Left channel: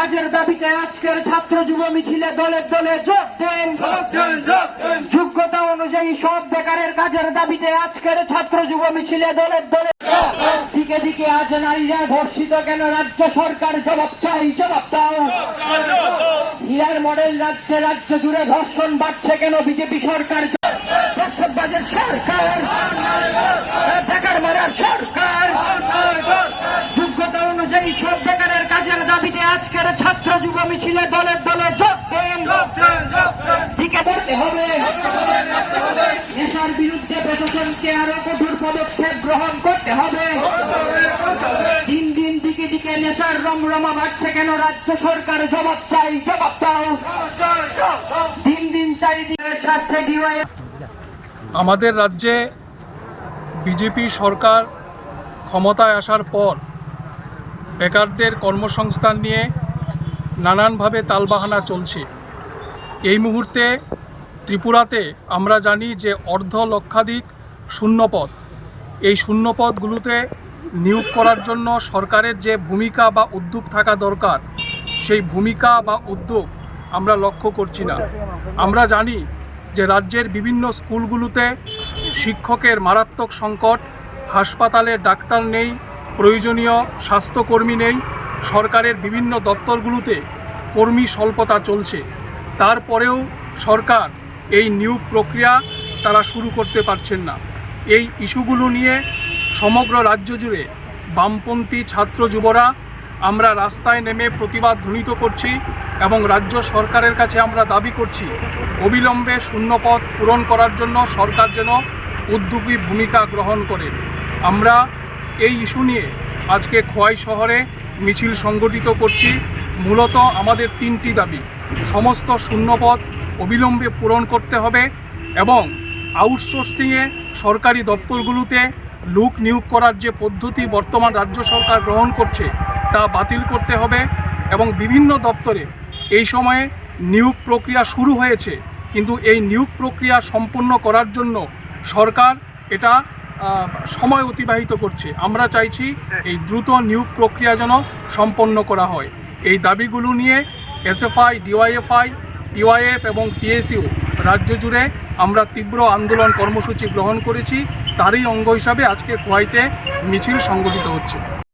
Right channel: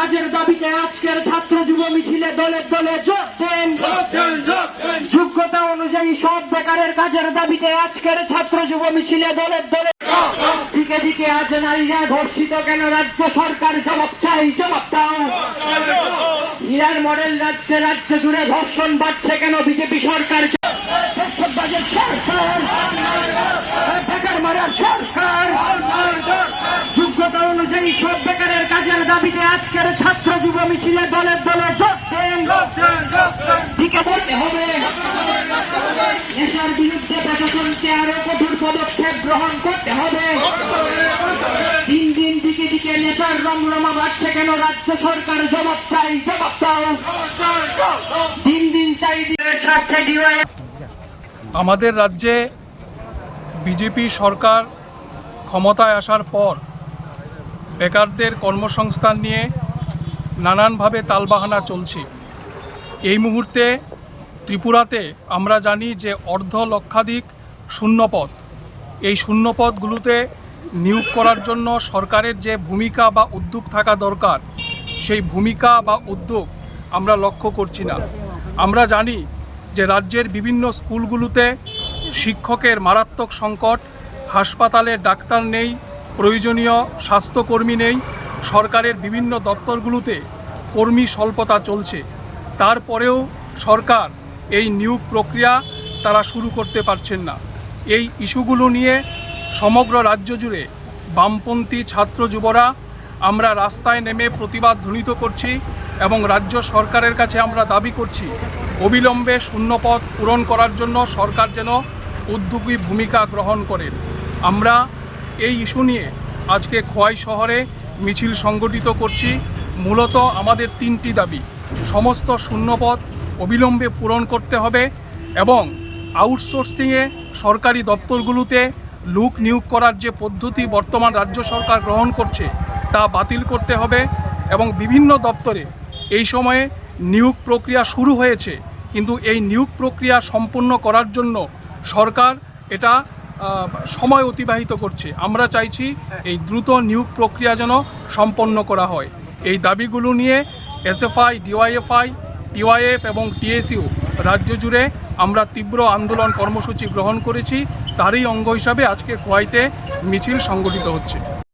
কাজের দাবিতে আজকের ছাত্র যুব মিছিলে দলে দলে যোগ দেন। যোগ্যতা অনুযায়ী সব বেকারের কাজের দাবিতে আজকের ছাত্র যুব মিছিলে দলে দলে দিকে দিকে আজ নারীরা ধর্ষিত কেন? রাজ্য সরকার জবাব চাই জবাব দাও। হিরার মডেল রাজ্যে রাজ্য জুড়ে ধর্ষণ বাড়ছে কেন? বিজেপি সরকার সরকার। অনুযায়ী সব বেকারের কাজের দাবিতে আজকের ছাত্র যুব মিছিলে দলে দলে যোগ দেন। দিকে ধরতে হবে। নেশার বিরুদ্ধে প্রশাসনকে আরও কঠোর পদক্ষেপ গ্রহণ করতে হবে। দিন দিন দিকে দিকে নেশার রমরমা বাড়ছে কেন? রাজ্য সরকার জবাব চাই জবাব দাও। দিন দিন চাই দিনের স্বার্থে ডিওয়াই। আমাদের রাজ্যে বিজেপি সরকার ক্ষমতায় আসার পর বেকারদের কর্মসংস্থান নিয়ে নানানভাবে তালবাহানা চলছে। এই মুহূর্তে ত্রিপুরাতে আমরা জানি যে অর্ধ লক্ষাধিক শূন্যপদ। এই শূন্যপদগুলোতে নিয়োগ করার জন্য সরকারের যে ভূমিকা বা উদ্যোগ থাকা দরকার, সেই ভূমিকা বা উদ্যোগ আমরা লক্ষ্য করছি না। আমরা জানি যে রাজ্যের বিভিন্ন স্কুলগুলোতে শিক্ষকের মারাত্মক সংকট, হাসপাতালে ডাক্তার নেই প্রয়োজনীয় স্বাস্থ্যকর্মী নেই, সরকারের বিভিন্ন দপ্তরগুলোতে কর্মী স্বল্পতা চলছে। তারপরেও সরকার এই নিয়োগ প্রক্রিয়া তারা শুরু করতে পারছেন না। এই ইস্যুগুলো নিয়ে সমগ্র রাজ্য জুড়ে বামপন্থী ছাত্র যুবরা আমরা রাস্তায় নেমে প্রতিবাদ ধ্বনিত করছি এবং রাজ্য সরকারের কাছে আমরা দাবি করছি, অবিলম্বে শূন্যপদ পূরণ করার জন্য সরকার যেন উদ্যোগী ভূমিকা গ্রহণ করে। আমরা এই ইস্যু নিয়ে আজকে খোয়াই শহরে মিছিল সংগঠিত করছি। মূলত আমাদের তিনটি দাবি। সমস্ত শূন্যপদ অবিলম্বে পূরণ করতে হবে এবং আউটসোর্সিংয়ে সরকারি দপ্তরগুলোতে লোক নিয়োগ করার যে পদ্ধতি বর্তমান রাজ্য সরকার গ্রহণ করছে, তা বাতিল করতে হবে এবং বিভিন্ন দপ্তরে এই সময়ে নিয়োগ প্রক্রিয়া শুরু হয়েছে। কিন্তু এই নিয়োগ প্রক্রিয়া সম্পূর্ণ করার জন্য সরকার এটা সময় অতিবাহিত করছে। আমরা চাইছি এই দ্রুত নিয়োগ প্রক্রিয়া যেন সম্পন্ন করা হয়। এই দাবিগুলো নিয়ে এসএফআই, ডিওয়াইএফআই, টিওয়াইএফ এবং টিএসইউ রাজ্য জুড়ে আমরা তীব্র আন্দোলন কর্মসূচি গ্রহণ করেছি। তারই অঙ্গ হিসাবে আজকে খোয়াইতে মিছিল সংগঠিত হচ্ছে।